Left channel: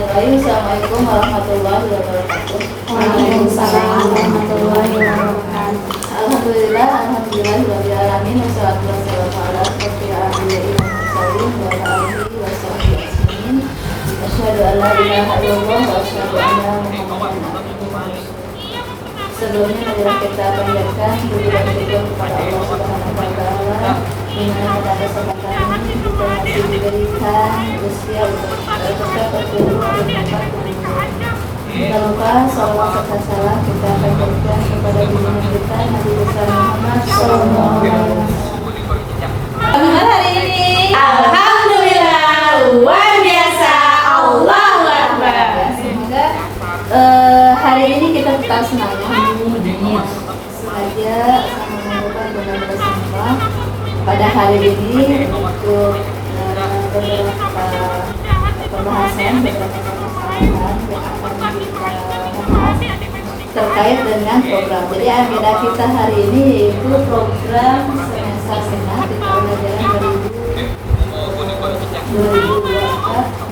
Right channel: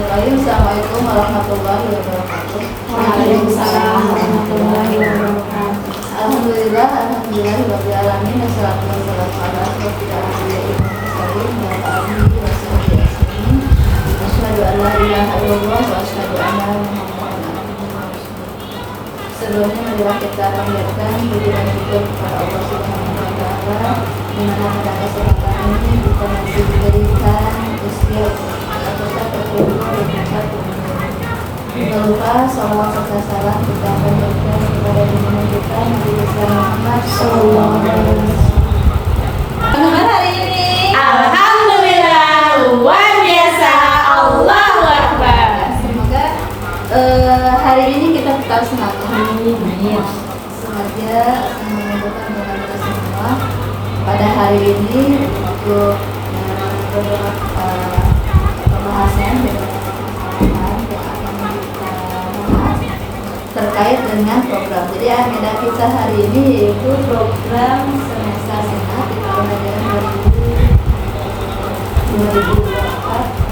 Bismillahirrahmanirrahim. Assalamualaikum warahmatullahi wabarakatuh. Waalaikumsalam warahmatullahi wabarakatuh. Alhamdulillah rabbil alamin wassalatu wassalamu ala asyrofil anbiya'i wal mursalin wa ala alihi washabihi ajmain. Asyhadu an la ilaha illallah wa asyhadu anna Muhammadan abduhu wa rasuluh. Sebelumnya marilah kita panjatkan puji dan syukur kepada Allah Subhanahu wa taala di mana pada kesempatan ini kita masih diberikan usia untuk terkumpul dan dapat tidak lupa salawat serta salam kita panjatkan kepada junjungan kita Nabi besar Muhammad sallallahu alaihi wasallam. Hari ini Alhamdulillah luar biasa, Allahu Akbar. semoga hari ini kita tetap semangat. Sengaja mengumpulkan dengan kita semua pada hari ini untuk beberapa pembahasan, beberapa permasalahan yang akan kita bahas terkait dengan program. Jadi agenda kita hari ini yaitu program semester genap di tahun ajaran 2024.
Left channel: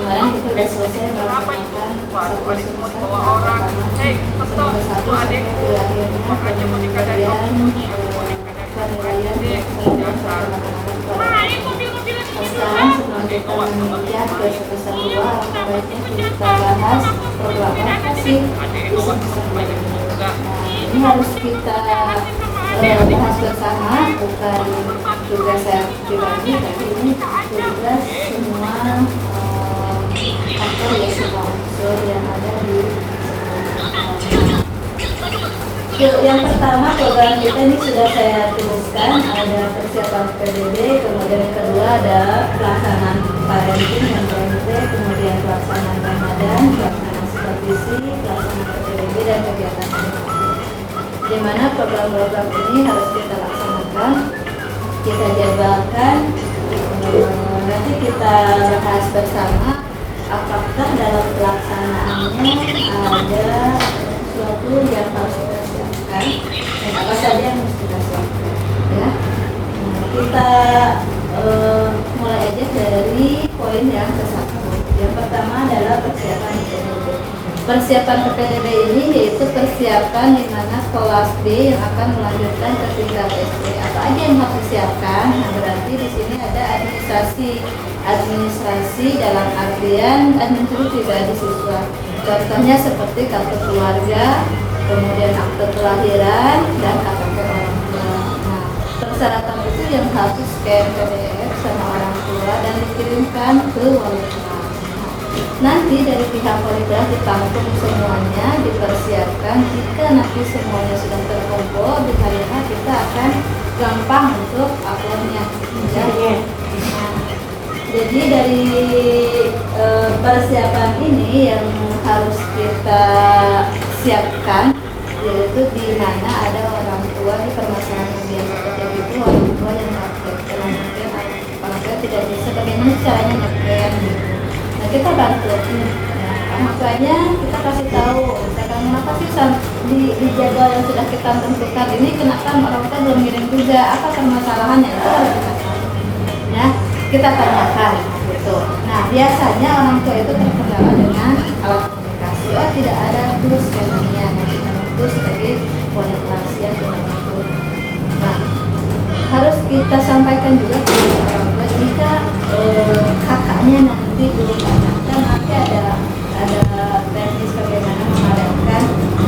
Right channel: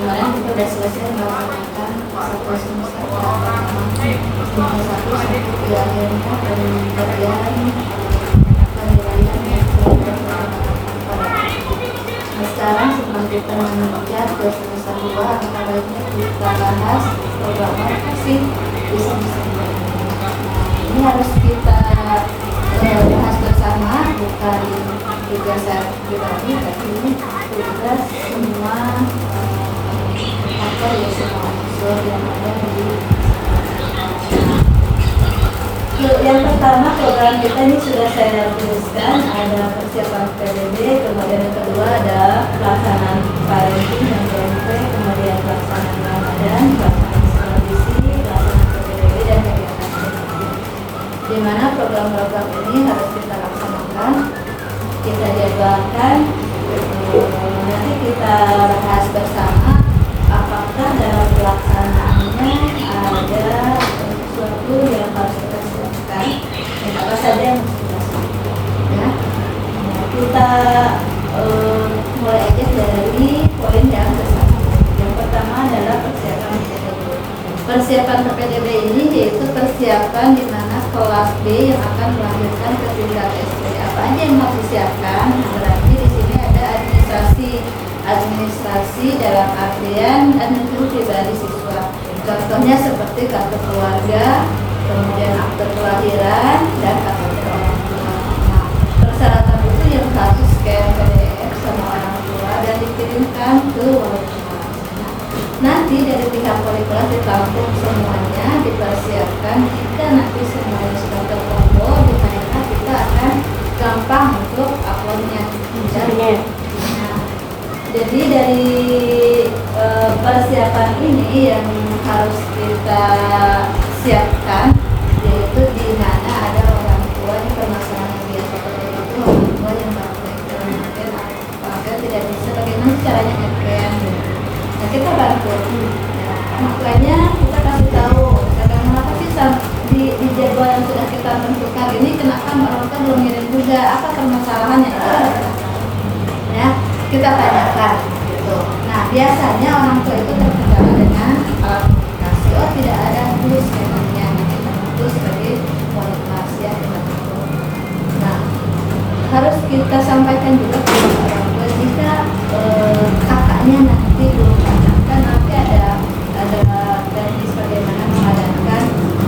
Kemarin kita sudah selesai melaksanakan satu semester pertama, semester 1 sampai ke akhirnya pemberian penilaian yang sudah berkembang pada sekarang setelah kita menginjak ke semester 2, maka baiknya kita bahas program apa sih di semester 2 ini. Nah, ini harus kita bahas bersama, bukan tugas saya pribadi, tapi ini tugas semua aktor ya, semua unsur yang ada di yang pertama program kita ini sudah saya tuliskan, ada persiapan PBB, kemudian yang kedua ada pelaksanaan parenting dan PMP, kemudian pelaksanaan Ramadan, pelaksanaan supervisi, pelaksanaan PBB dan kegiatan edukasi. Di mana program-program ini harus kita laksanakan, kita jadwalkan, nanti kita bahas bersama apakah dalam pelaksanaannya ada sesuatu yang harus kita siapkan dan apa saja yang harus kita siapkan ya. Nah, kita mulai aja dari poin yang ke-1. Yang pertama adalah persiapan PPDB. Persiapan PPDB ini yaitu persiapan di mana kelas B yang akan melahirkan ke tingkat SD. Apa aja yang harus disiapkan? Nah, berarti di sini ada administrasi dalam artian administrasi pribadi siswa. Contohnya seperti kartu keluarga, kemudian akte kelahiran dan KTP orang tua. Nah, persyaratan itu yang harus scan PDF sama orang tua dan dikirimkan ke wali kelas. Nah, nanti dari pihak wali kelas ditampung semuanya, dipersiapkan. Jika nanti semuanya sudah terkumpul di hari H, kita akan gampang untuk uploadnya. Jadi dari persiapan ini yang harus kita siapkan yaitu di mana ada orang tua, di permasalahan yang biasa terjadi itu orang tua yang nge-scan tidak bisa, bagaimana caranya nge-scan gitu. Nah, kita bantu. Nah, makanya kita kasih tahu, misalkan kenapa sih di jadwal yang sudah kita tentukan ini kenapa orang tua belum ngirim juga, apa permasalahannya, itu harus ya kita tanyakan gitu. Nah, biasanya orang tua itu terkendala dengan alat komunikasi. Oh, tidak ada terus namanya. Nah, kita itu sebagai wali kelas ya kita itu. Nah, harus kita sampaikan juga kepada orang tua jika kakaknya nanti belum daftar, nanti ada teknis bagaimana mengadakan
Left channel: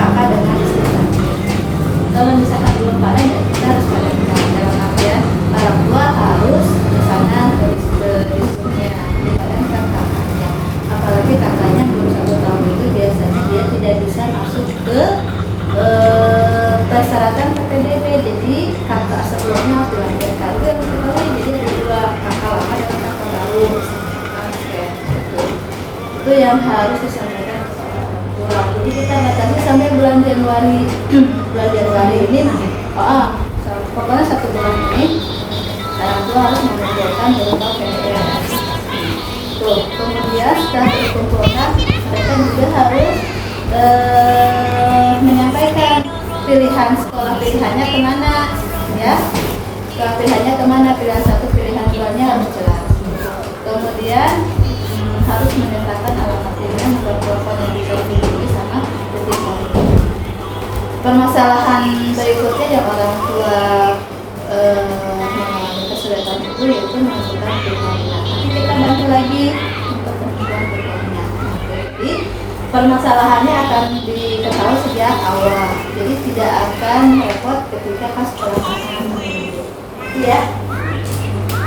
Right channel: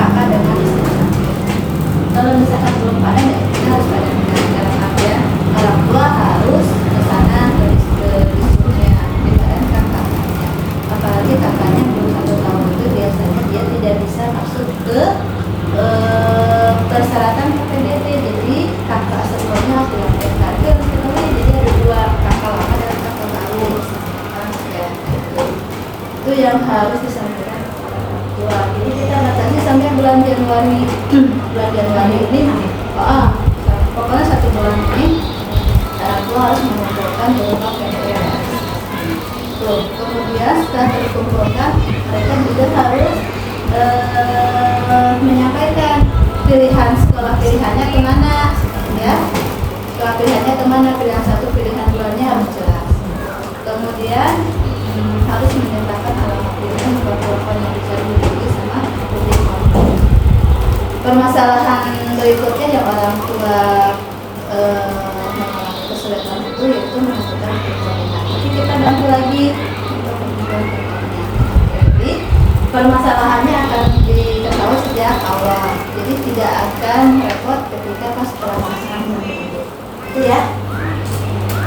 kakak dengan istri. Kalau misalkan belum pada, ya kita harus pada dalam artian orang tua harus kesana disuruhnya dipadankan kakaknya. Apalagi kakaknya baru 1 tahun itu biasanya dia tidak bisa masuk ke persyaratan PPDB. Jadi kakak sebelumnya harus dilahirkan. Itu harus diketahui. Jadi ada 2 kakak lama dan kakak baru. Itu yang harus disampaikan kepada orang tua. Jadi kita batasi sampai bulan Januari. Bulan Januari ini, pokoknya 1 bulan ini orang tua harus mengumpulkan berupa PDF. Tuh, kemudian setelah dikumpulkan, mereka juga harus menyampaikan pilihan sekolah pilihannya kemana, ya. Sekolah pilihannya kemana, pilihan 1, pilihan 2-nya harus jelas. Kemudian harus menyertakan alamat dirinya, nomor telepon yang bisa dihubungi sama titik kontak. Permasalahan berikutnya yang orang tua mengalami kesulitan itu yaitu menentukan perkawinan. Nanti kita bantu lagi untuk penentuan perkawinan. Jadi permasalahannya akan diketahui sejak awal. Jadi tidak akan repot ketika pas pelaksanaan menunjuk. Itu ya.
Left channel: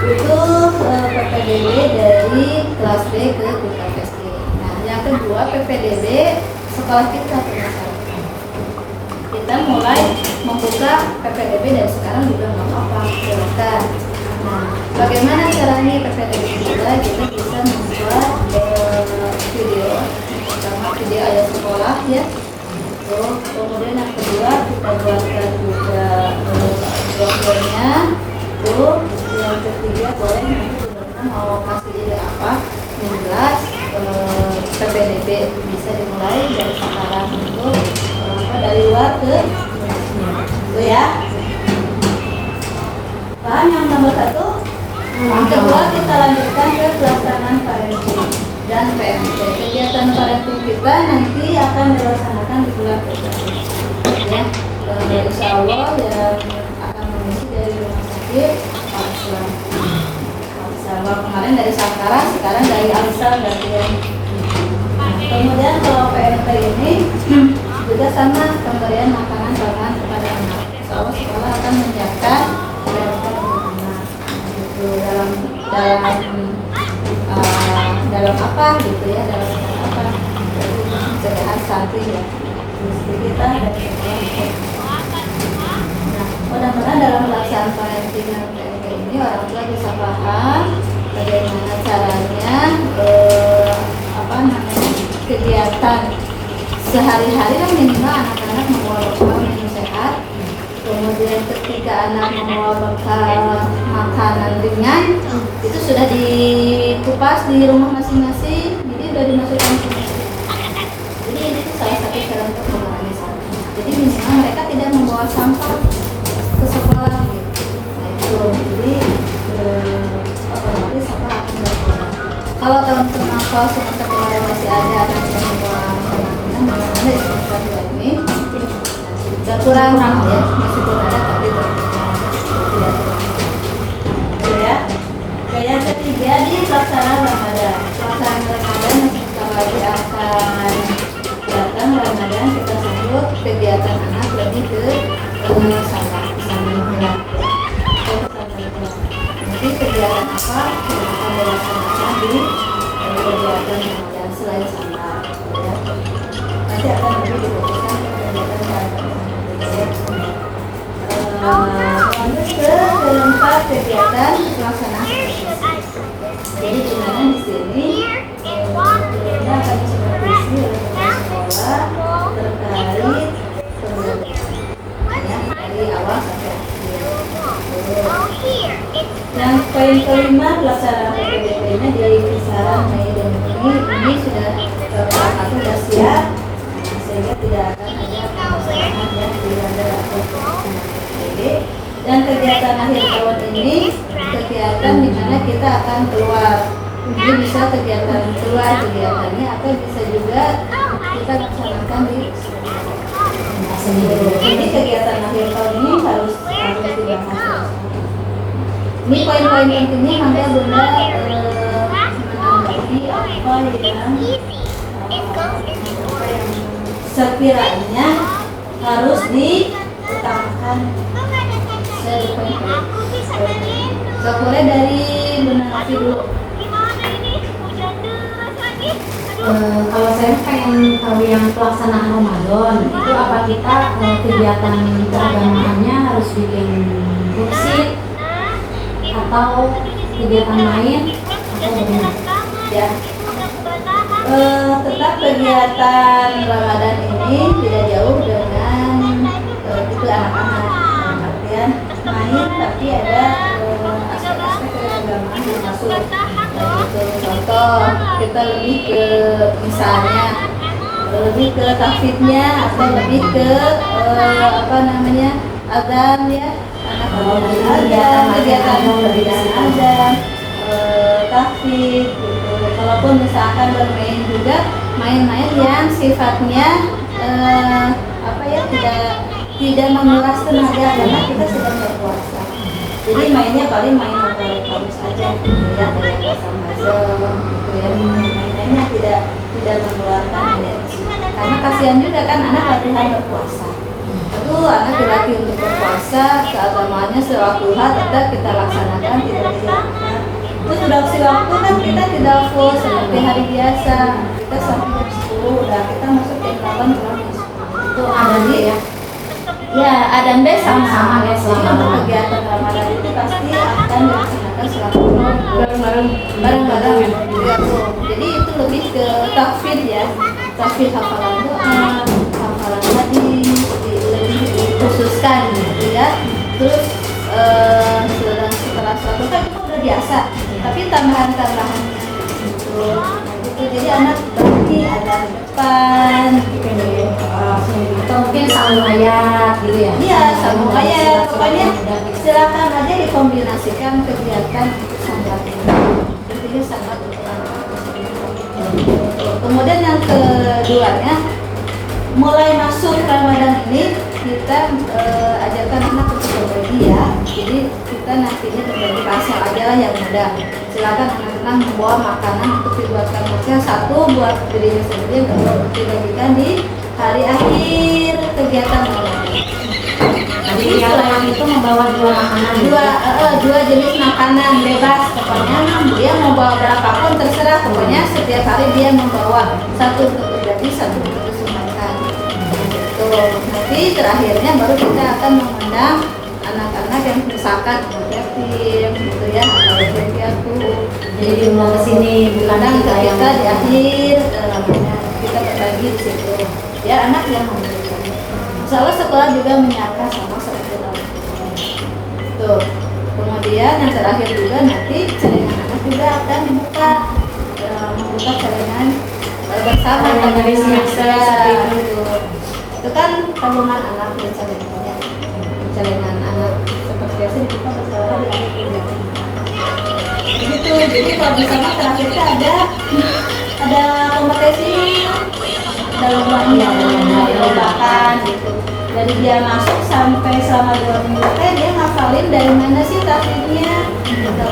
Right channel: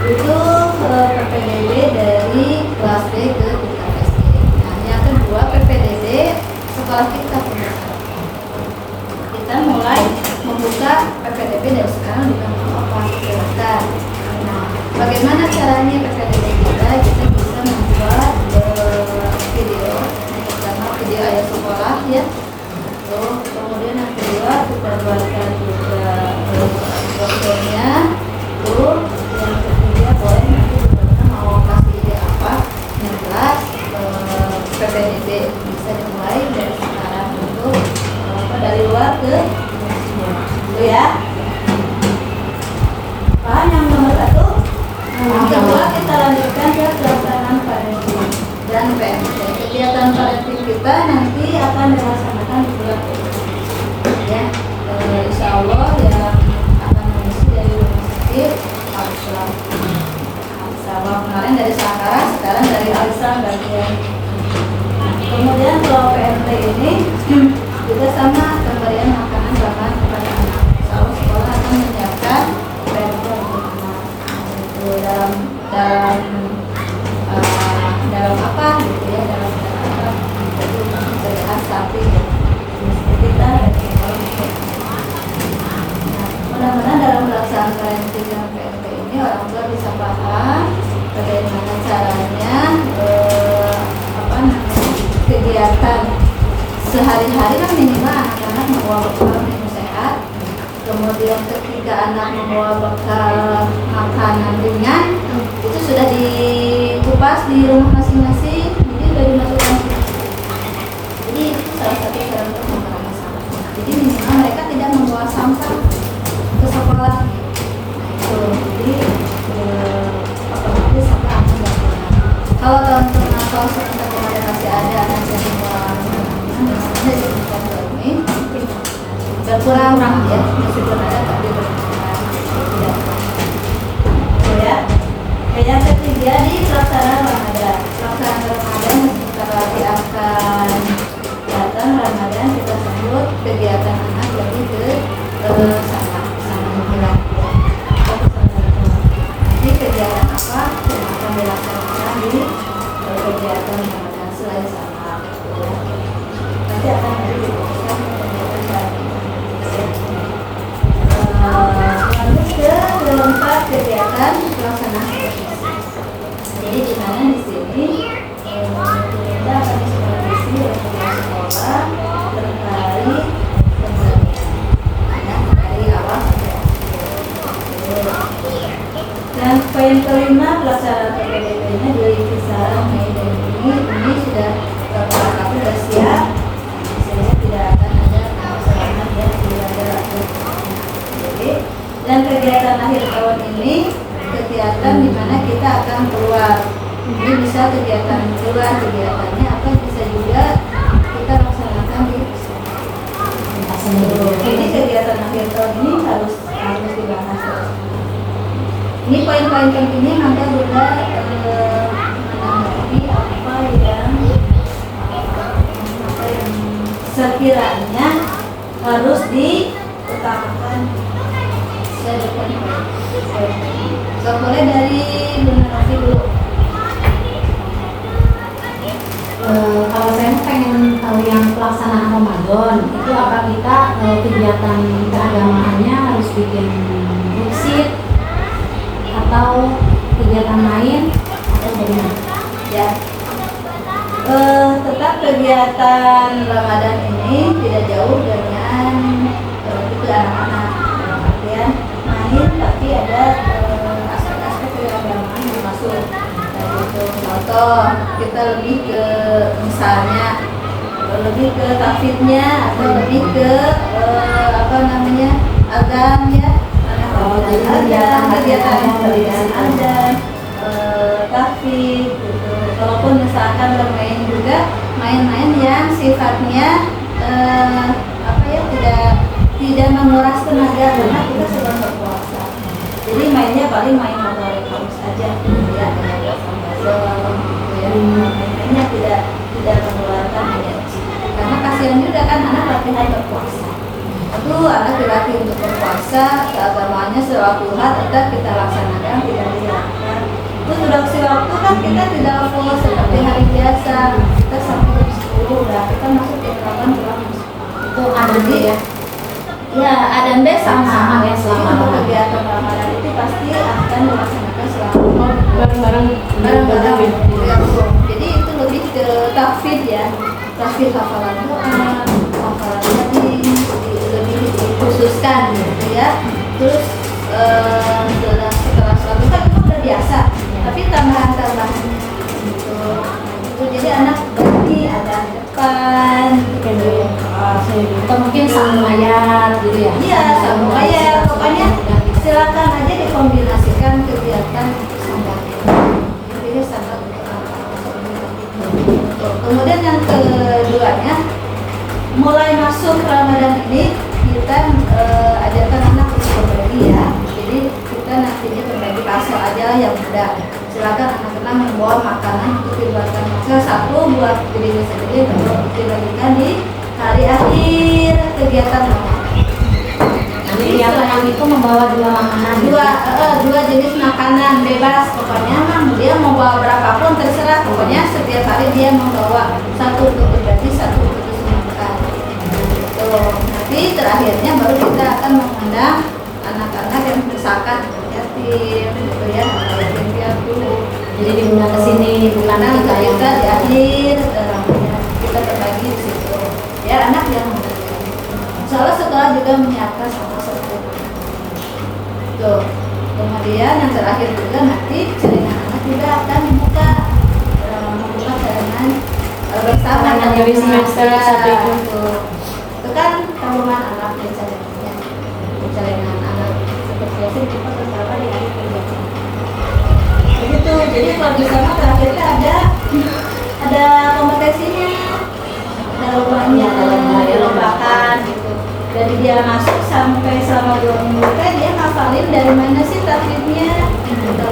Itu PPDB dari kelas B ke tingkat SD. Nah, yang kedua PPDB sekolah kita pembelajaran. Kita mulai membuka PPDB dari sekarang juga nggak apa-apa, silakan. Nah, bagaimana caranya PPDB kita? Kita bisa membuat video, yang pertama video ayat sekolah ya. Kemudian yang kedua kita buatkan juga brosurnya. Yang ketiga boleh nanti kita mau kasih ide apa yang jelas PPDB bisa dimulai dari sekarang untuk dari luar ke itu ya. Paham yang nomor 1? Yang kedua kita lanjutkan ke pelaksanaan parenting dan PMT. Kegiatan parenting kita nanti akan dilaksanakan di bulan Februari ya. Insya Allah yang akan mengisi dari rumah sakit Al-Islam. Kemarin dari Sakara, sekarang dari Al-Islam bagian. Kemudian kalau PMT ini juga sama pemberian makanan ramah kepada anak. Kalau sekolah akan menyiapkan beberapa untuk anak. Itu dalam apa gitu ya, dalam apa? Itu pencegahan stunting ya. Mesti kita dari sekolah. Mudah-mudahan dalam pelaksanaan parenting dan PMT ini orang tua bisa paham bagaimana caranya kegiatan sehari-hari kan minimal anak-anak membawa bekal minum sehat. Kemudian ketika anak membawa bekal makanan ringan itu sudah dikupas di rumah masing-masing, jadi sudah dimasukkan ke situ. Jadi itu salah satu cara untuk mengurangi sampah. Jadi minimal mereka tidak membawa sampah ke sekolah gitu. Nah itu jadi otomatis sampah akan berkurang. Kalau tahun-tahun semester kemarin masih ada anak yang membawa makanan di semester ini berkurang ya, masih belum ada tapi berkurang. Ya. Yang ketiga di pelaksanaan Ramadan. Pelaksanaan Ramadan sebentar lagi akan datang Ramadan, kita sebut kegiatan anak lebih ke sana lingkungan. Nanti kegiatan apa yang akan dilaksanakan di kegiatan Ramadan selain sama ya. Nanti akan diputuskan kegiatan Ramadan. Lanjut ke keempat kegiatan pelaksanaan evaluasi. Jadi di mana di sini kita akan supervisi oleh kepala sekolah terkait pembelajaran dari awal sampai akhir. Dan poin kelima pelaksanaan PPDB-nya di kisaran Mei dan Juni ini sudah beberapa sudah siap, sehingga tidak akan ada permasalahan yang dilanggar atau dan kegiatan akhir tahun ini kegiatan di mana kita akan keluar. Ini bisa kegiatan keluar kegiatannya apa bisa juga kita laksanakan di ini kegiatan akhir tahun ini harus dibahas. Ini poin-poin pentingnya nanti Bunda menanggapi apa yang sekiranya harus diutamakan. So, boleh dari Bunda Novi dulu. Kalau saya pengen tahu yang pelaksanaan Ramadan itu apa kita kegiatan keagamaannya harus bikin worksheet atau kegiatan lain atau bagaimana? Ya, tetap kegiatan Ramadan ini tidak jauh dengan itu anak-anak. Artian main tapi ada aspek-aspek keagamaan yang masuk. Contoh kita lebih ke misalnya lebih ke tahfidnya atau lebih ke azan ya, kegiatan azan tahfid gitu. Kalaupun misalnya akan bermain juga main-main yang sifatnya tidak menguras tenaga karena kita sedang berpuasa. Jadi mainnya paling main motorik saja, ya kayak puzzle gitu ya. Mainnya tidak mengeluarkan energi. Karena kasihan juga kan anak latihan berpuasa. Aduh, anak dilatih untuk berpuasa, keagamaannya sholat duha tetap kita laksanakan, tidak dilakukan. Terus sudah waktu kan kita tidak full seperti hari biasa. Kita sampai jam 10 udah kita masuk jam 8 pulang. Itu ada ya. Ya, adan B sama-sama ya selama untuk kegiatan Ramadan itu pasti akan dilaksanakan selama bareng-bareng. Ya, jadi itu lebih ke tahfidz ya, tahfidz hafalan doa, hafalan hadis lebih dikhususkan gitu ya. Terus setelah sholat kan itu udah biasa, tapi tambahan-tambahannya gitu. Jadi anak berarti ada depan gitu ya. Atau mungkin sambung ayat gitu ya? Iya, sambung ayat. Pokoknya silakan aja dikombinasikan kegiatan untuk sangat dipilih sangat untuk anak. Kemudian yang keduanya, mulai masuk Ramadan ini kita ajarkan anak untuk berbagi ya. Jadi kita nanti ini berbagi parcel aja yang mudah. Silakan anak-anak membawa makanan untuk dibuatkan baca, satu buat dirinya sendiri dan dua untuk dibagikan di hari akhir kegiatan Ramadan. Jadi yang itu membawa dua makanan. Dua jenis makanan bebas, pokoknya dia mau bawa berapapun terserah, pokoknya setiap hari dia membawa satu untuk berbagi, satu untuk disumbangkan. Gitu. Nanti terakhirnya baru kita akan mengundang anak-anak yang misalkan yatim, gitu ya, atau yatim piatu. Jadi diundang ke sini bukan kita di akhir kita berbagi di situ. Biar anak yang memberikan. Misalnya sekolah juga menyapa sama sekolah. Tuh. Kemudian yang terakhir juga nanti jaringan anak juga akan membuka jaringan bersama dari semester satu itu. Itu kan tabungan anak ya jaringannya. Jaringan anak seperti biasa dibuka bersama di hari kerja. Begitu. Jadi kalau di sana terakhirnya ada kompetisi, ada lomba gitu. Dari dia masuk sampai selama 2 minggu dia ngafalin dari mana sih tahfidnya gitu.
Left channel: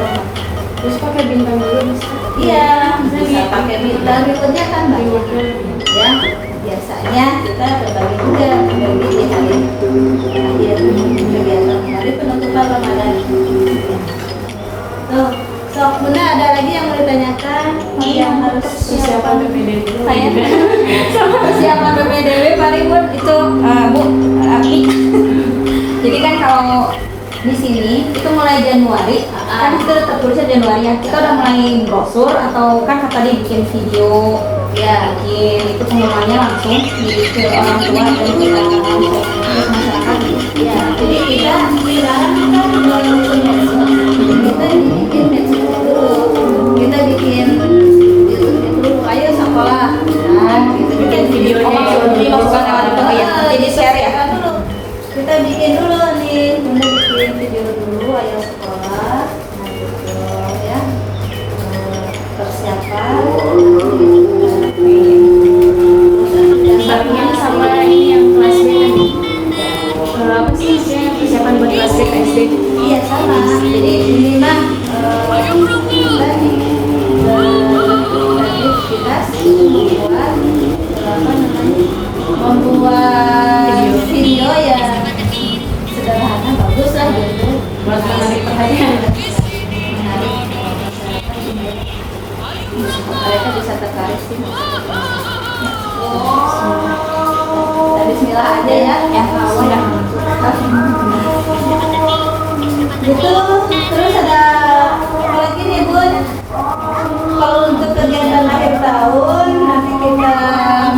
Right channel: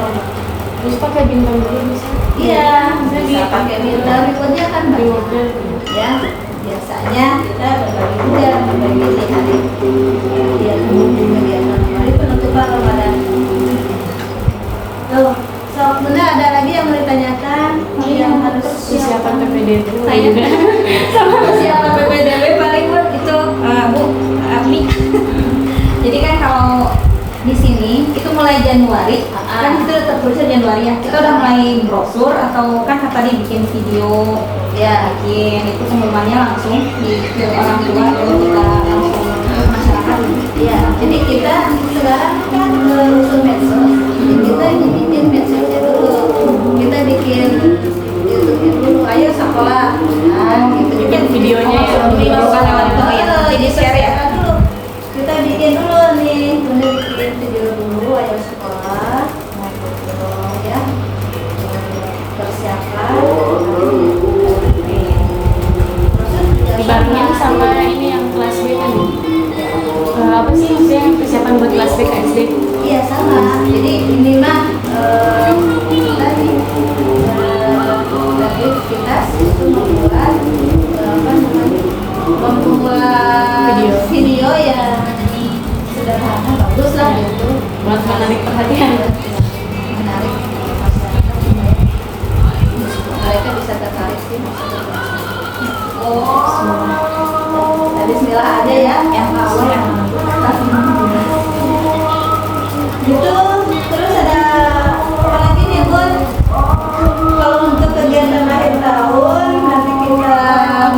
Terus pakai bintang dulu bisa? Iya, bisa pakai bintang, berikutnya kan banyak ya. Biasanya kita berbagi juga berbagi di hari kegiatan kembali penutupan Ramadan. Tuh, bunda ada lagi yang mau ditanyakan yang harus Persiapan PPDB dulu. saya sama persiapan PPDB paling pun itu Bu Api. Jadi kan kalau di sini itu mulai Januari kan itu tertulisnya Januari ya, kita udah mulai brosur atau kan tadi bikin video ya, bikin itu pengumumannya langsung ke orang tua dan kita ke masyarakat ya. Jadi kita sekarang kan melalui medsos, kita bikin medsos dulu, kita bikin YouTube dulu, ayo sekolah gitu, bikin videonya bukan lewat itu ya, jadi share ya dulu. Kita bikin dulu nih, bunda bikin video dulu ayo sekolah, nah gitu ya, persiapan Barengan sama ini yang kelas B kan? Apa sih maksudnya persiapan buat kelas B SD? iya sama, jadi ini mah tadi aktivitas itu membuat video yang sederhana bagus lah gitu, Buat menarik perhatian. menarik masyarakat mereka bisa tertarik sih masyarakat. Dari Bismillah aja ya yang awal yang gitu. Terus ada apa lagi nih Bun? Kalau untuk kegiatan akhir tahun nanti kita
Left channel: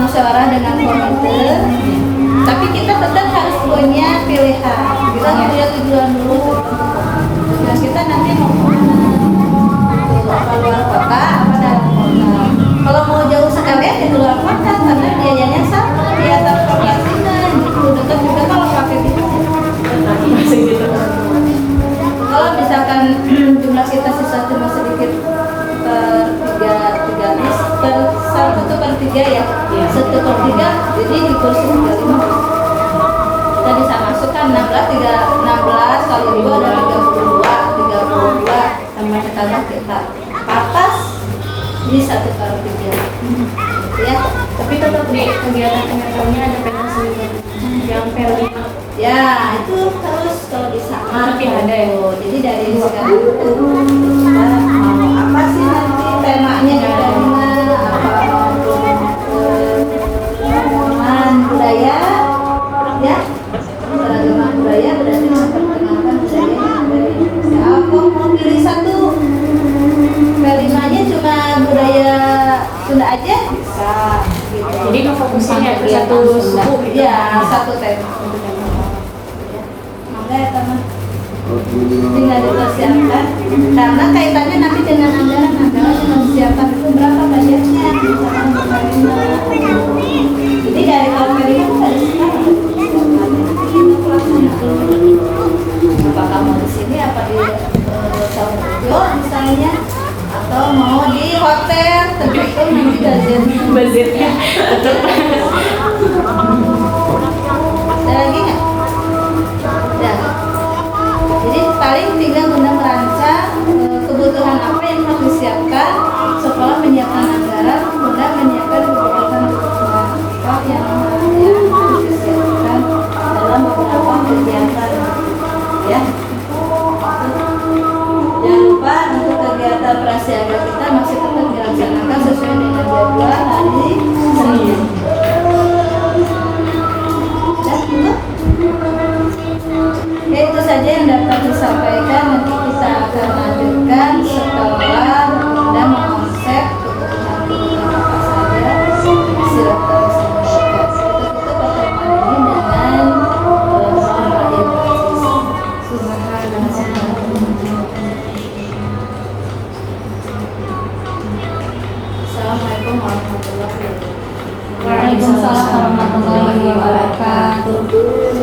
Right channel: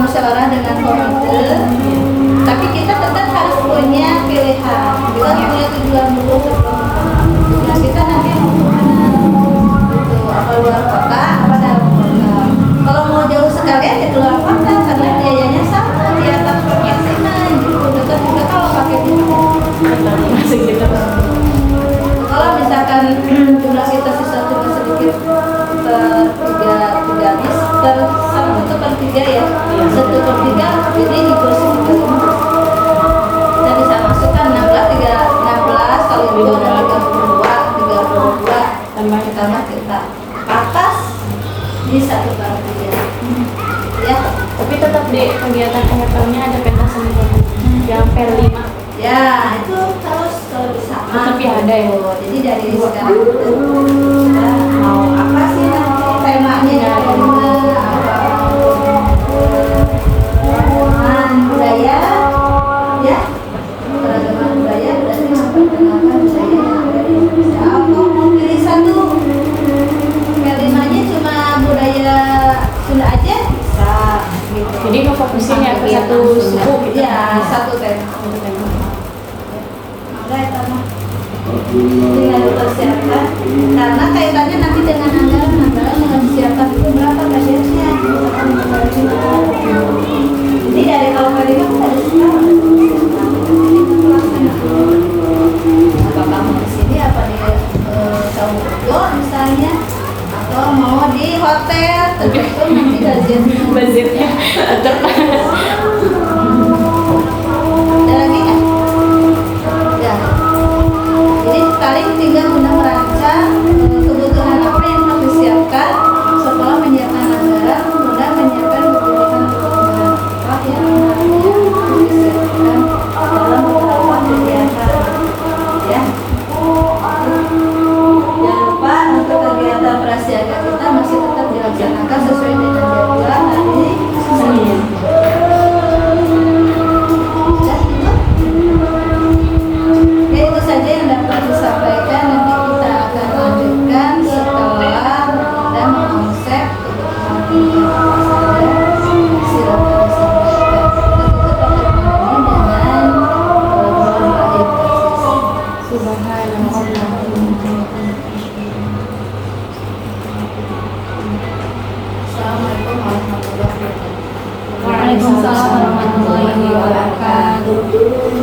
musyawarah dengan komite, tapi kita tetap harus punya pilihan, kita punya tujuan dulu tujuan kita nanti mau kemana gitu, apa luar kota apa dalam kota. Kalau mau jauh sekalian di luar kota karena biayanya sama di atas konvensional gitu, dekat juga kalau pakai gitu. Masih gitu. Kalau misalkan jumlah kita sisa cuma sedikit tiga bis 1/3, jadi di kursi 35 kita bisa masukkan 16 kali itu ada 32 ditambah kita atas di 1/3 ya. Tapi tetap di kegiatan penetralnya ada pentas seni yang P5. Ya, itu harus kalau bisa Tapi ada ya? Jadi dari sekarang itu kita mau apa sih nanti temanya ya, tema apa keragaman budaya ya, keragaman budaya berarti memperkenalkan budaya yang ada di Indonesia. Aku mau pilih satu temanya cuma budaya Sunda aja bisa gitu. Jadi ngefokusin ya ke satu suku. Ya, satu tema. Maka ya tinggal dipersiapkan karena kaitannya nanti dengan anggaran yang harus disiapkan itu berapa budgetnya misalkan untuk Kalima. Jadi dari tahun Kalima itu dari sekarang kita pelaksanaan apakah mau di sini apa di Saungjo misalnya atau mau di hotel tergantung nanti Budgetnya tetap. ada lagi nggak? Ya. Jadi paling tinggal Bunda merancang kebutuhan apa yang harus disiapkan. Setelah menyiapkan anggaran, Bunda menyiapkan kebutuhan apa yang harus disiapkan dalam beberapa kegiatan. Ya. Jangan lupa untuk kegiatan prasiaga kita masih tetap dilaksanakan sesuai dengan jadwal hari Senin. Ya, itu saja yang dapat disampaikan. Nanti kita akan lanjutkan setelah dan mengonsep kebutuhan apa saja. Silakan disampaikan. Kita pertemuan ini dengan mohon maaf Subhanallah. Assalamualaikum warahmatullahi wabarakatuh. Waalaikumsalam warahmatullahi wabarakatuh.